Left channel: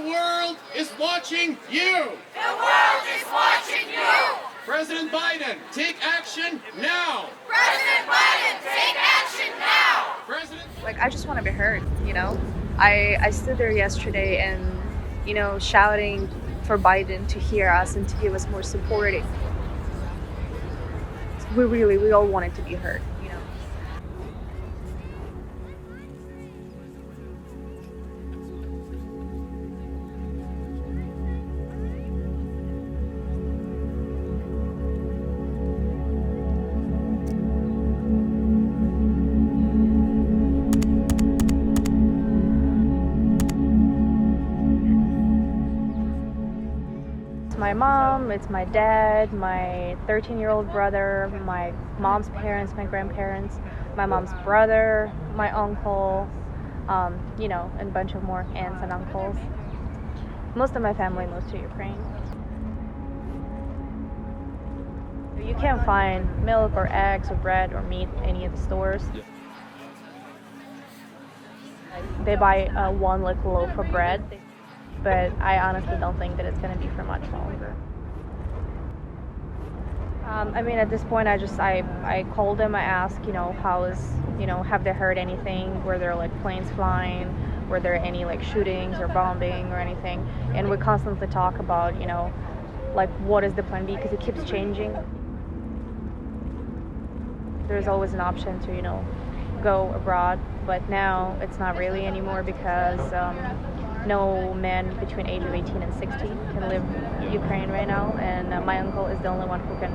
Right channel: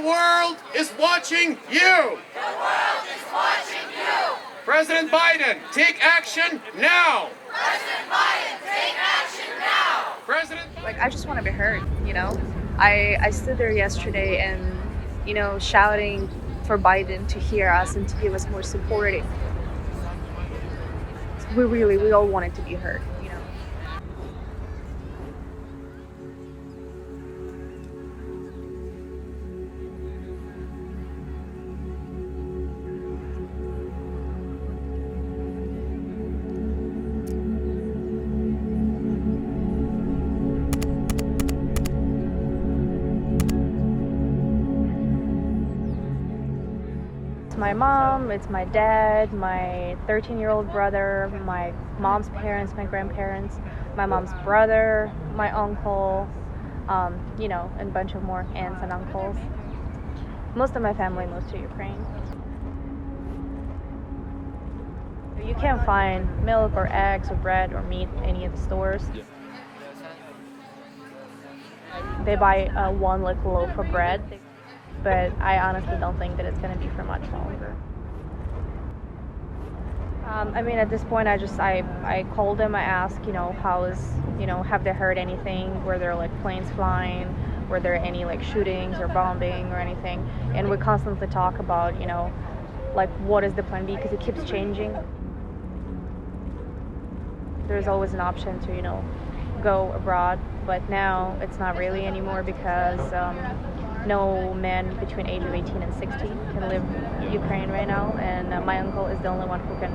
The world is watching you. The world is watching you. President Biden, take action now. President Biden, take action now. I just want to be heard, you know? I stood there yesterday and, shouting for Biden to hear us and to give us more support. We all wanted to be heard, It's my mom, it's my dad, my 13-year-old brother, my mom's parents, my grandparents, my mom's brother, my uncle, and a bunch of more aunts and uncles. Most of my family moves to Ukraine. You can't find milk or eggs or bread or meat in any of the stores. They buy one loaf of bread, but I honestly don't think that it's going to be for much longer. At this point, I called them. I asked, have they heard anything? Were there planes flying? Were there any shootings or bombing or anything? And we constantly talk about, what is the plan B, because it keeps changing. There's always an option to, go abroad, but now it's not really anymore because no man between age of 18 and 60 can live in Ukraine right now, and my uncle is the only one who can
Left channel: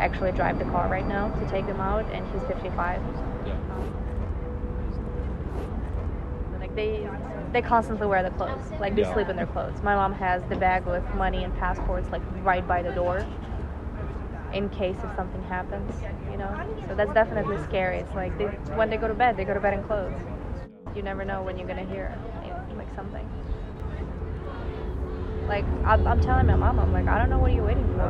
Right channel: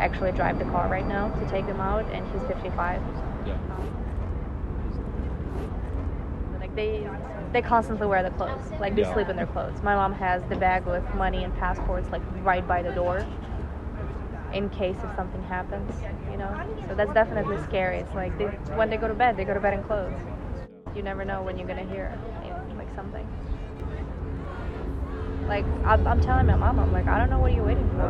actually drive the car right now to take them out, and he's 55. They constantly wear the clothes, they sleep in their clothes. My mom has the bag with money and passports right by the door in case if something happens, so that's definitely scary. It's when they go to bed in clothes. You never know when you're gonna hear something. I'm telling my mom, I don't know, what are you waiting for?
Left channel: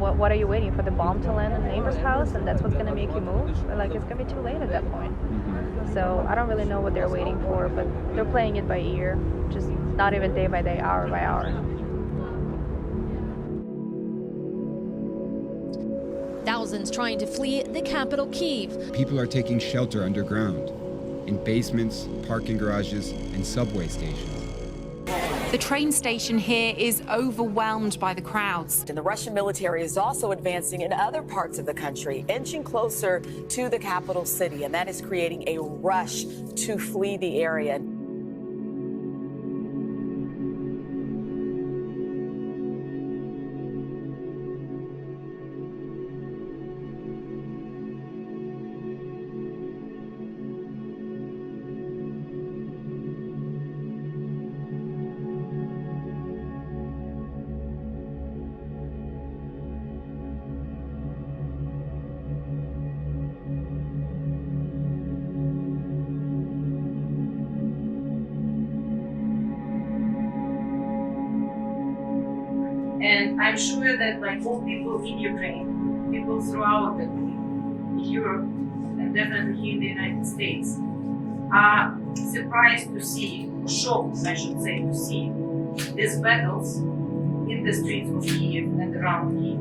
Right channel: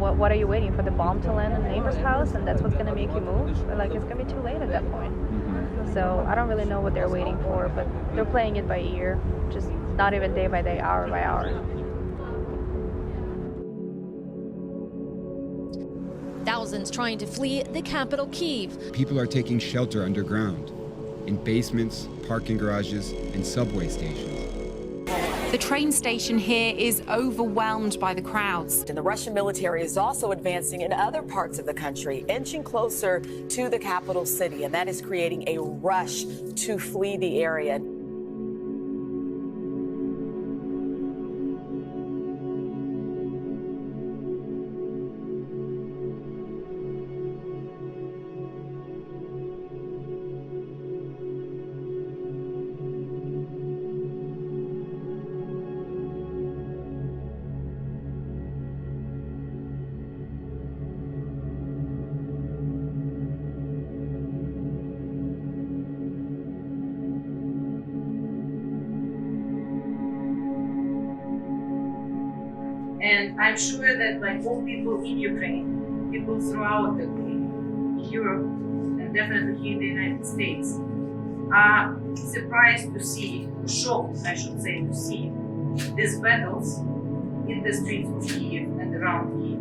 What are you waiting for? The bomb to land in the neighbor's house and that's what's gonna make you move? It's gonna be too late at that point. So I don't really know what they're waiting for, but they're playing it by ear, just not even day by day, hour by hour. Thousands trying to flee the capital, Kyiv. People are taking shelter underground, in basements, parking garages, and subway stations. The train station here is overwhelmed by the crowds. And the Russian military is also advancing in other parts of the country, inching closer to the capital city, and that is creating a rush to flee the area. And I'm sure that all people in Ukraine, people throughout Europe, and definitely here in the United States, are surprised to see, or shocked, I should say, to see these battles in the streets of Kyiv and around Kyiv.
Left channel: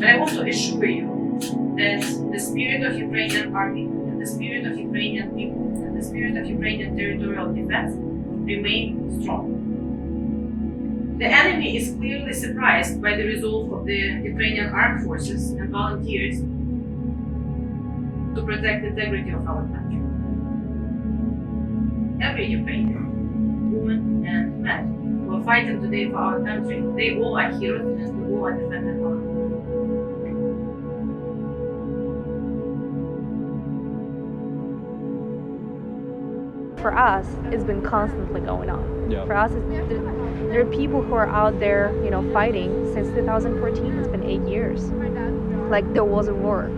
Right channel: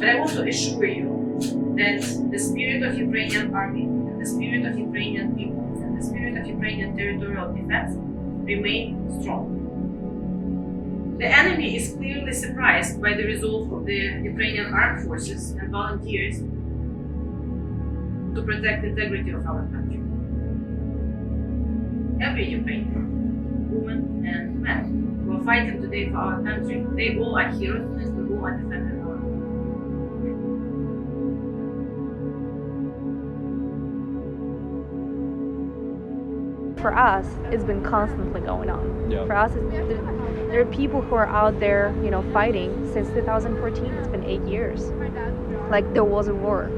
But I want to assure you that the spirit of Ukrainian army, and the spirit of Ukrainian people, and the spirit of Ukrainian territorial defense remain strong. The enemy is clearly surprised by the resolve of the Ukrainian armed forces and volunteers to protect the integrity of our country. Every Ukrainian, woman and man, who are fighting today for our country, they all are heroes and we all are defending our country. For us, it's been constantly going on. Yeah. For us, there are people who are out there, fighting since 2014. It's been 8 years. There was a war.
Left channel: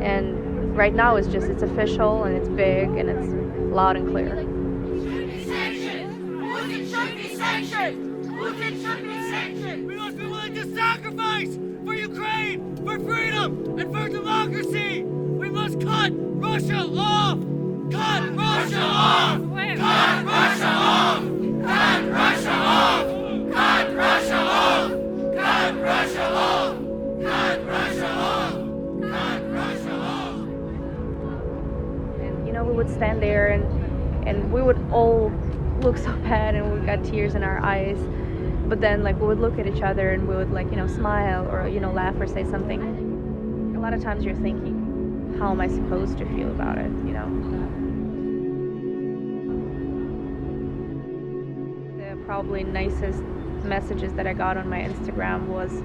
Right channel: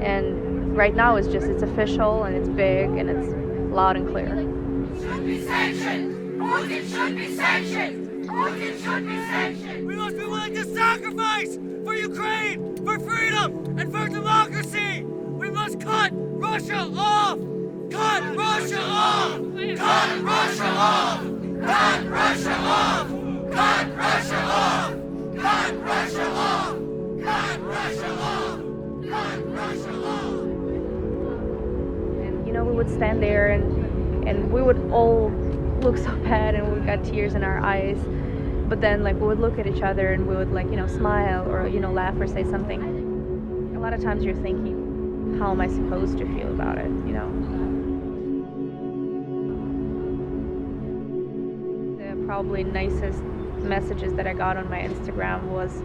And right now it's official and it's big and it's loud and clear. Should be sanctioned. Putin should be sanctioned. Putin should be sanctioned. We must be willing to sacrifice for Ukraine, for freedom, and for democracy. We must cut Russia off. Cut Russia off! Cut Russia off! Cut Russia off! Cut Russia off! Cut Russia off! Cut Russia off! Cut Russia off! And we would stand there and we would all look so bad and we got tears in our eyes. But then we would look at each other and we would smile or laugh or say something. A lot of times you're thinking, how am I supposed to feel about it, The probably nicest messages that I got on my Instagram was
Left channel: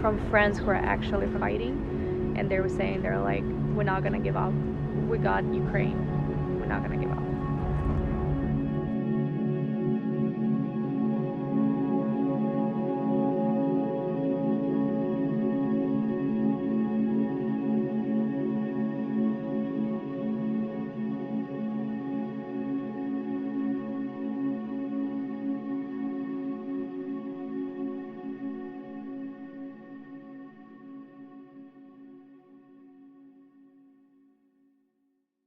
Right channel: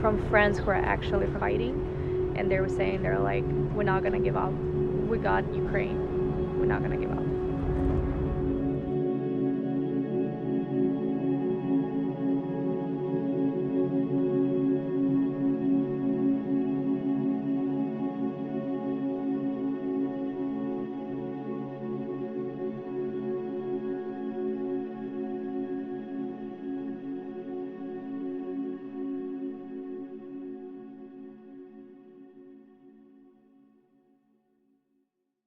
from friends who are actually fighting, and they were saying, they're like, we're not gonna give up. We got Ukraine. We're not gonna give up.